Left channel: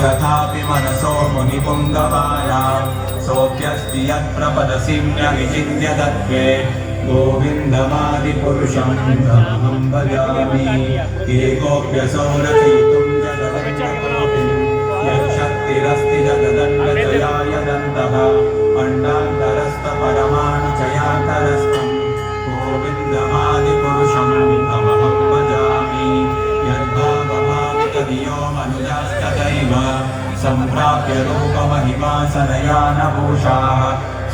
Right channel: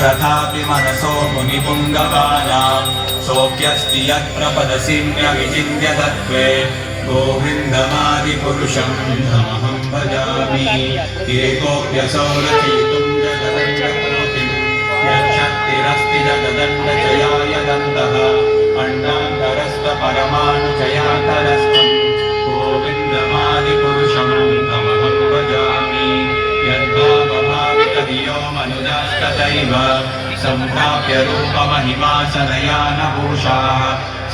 स्वरथापि मनसो मुनिपुङ्गवानां सोऽप्यस्ति यत्र पदसिन्यविचिन्त्य तत्त्वे गोविन्दमादिपुरुषं तमहं भजामि एकोऽप्यसौ रचयितुं जगदण्डकोटिं यच्छक्तिरस्ति जगदण्डजयाय दन्तः अण्डान्तरस्थपरमाणुजयान्तरस्थं गोविन्दमादिपुरुषं तमहं भजामि यद्भावभावितधियो मनुजास्तथैव सम्प्राप्य रूपमहिमा सनयानभूषाः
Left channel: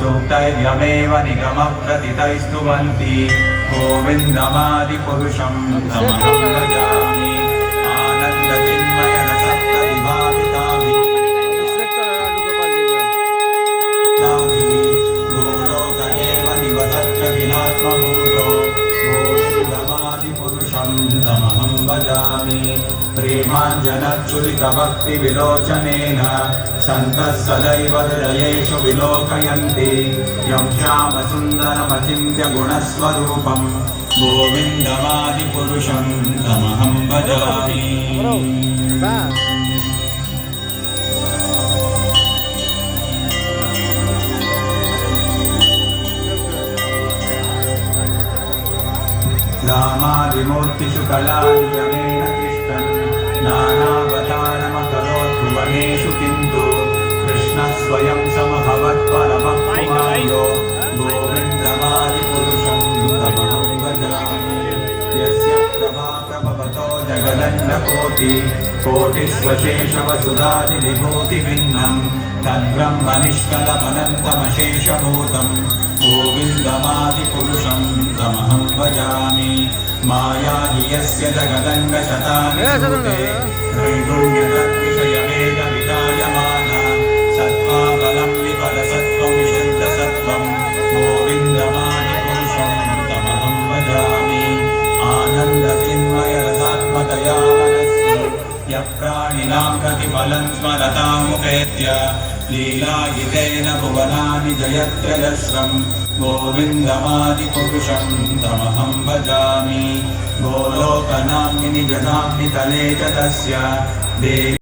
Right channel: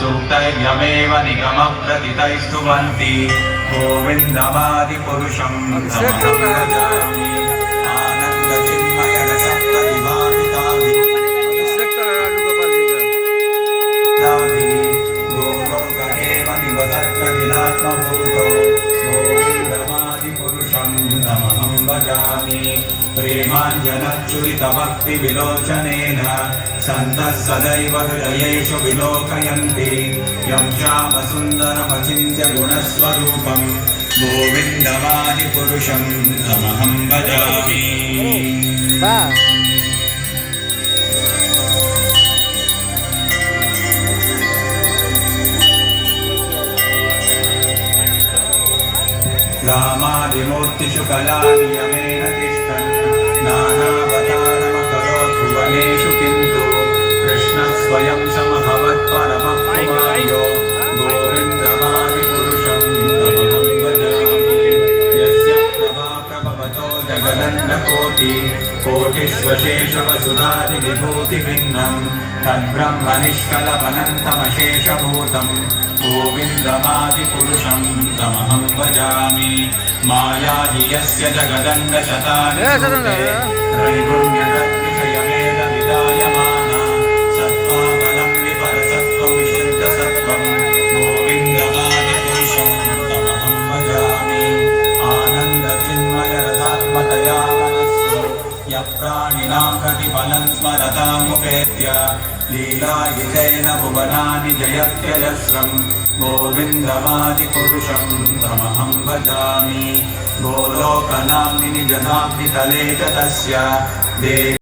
सूक्तैर्यमेव निगमप्रथितैस्तुवन्ति गोविन्दमादिपुरुषं तमहं भजामि गोविन्दमादिपुरुषं तमहं भजामि प्रेमाञ्जनच्युरितभक्तिविलोचनेन सन्तः सदैव हृदयेषु विलोकयन्ति यं श्यामसुन्दरमचिन्त्य गुणस्वरूपं गोविन्दमादिपुरुषं तमहं भजामि रामादिमूर्तिषु कलानियमेन तिष्ठन् नानावतारमकरोत् भुवनेषु किन्तु कृष्णः स्वयं समभवत्परमपुमार्यो गोविन्दमादिपुरुषं तमहं भजामि यस्य प्रभा प्रभवतो जगदण्डकोटि कोटिष्वशेषवसुधादिविभूतिभिन्नं तद्ब्रह्मनिष्कलमनन्तमशेषभूतं गोविन्दमादिपुरुषं तमहं भजामि माया हि यस्य जगदण्डशतानि त्रैगुण्यतद्विषयमेकविधायमाना सत्त्वाबलं विपरसत्त्वं विशुद्धसत्त्वं गोविन्दमादिपुरुषं तमहं भजामि आनन्दचिन्मयरसात्मतया मनस्सु यः प्राणिनां प्रतिफलं स्मरतामुपेत्य लीलायुतेन भुवनानि जयत्यजस्रं गोविन्दमादिपुरुषं तमहं भजामि गोलोकनाम्नि निजनाम्नि तले च तस्य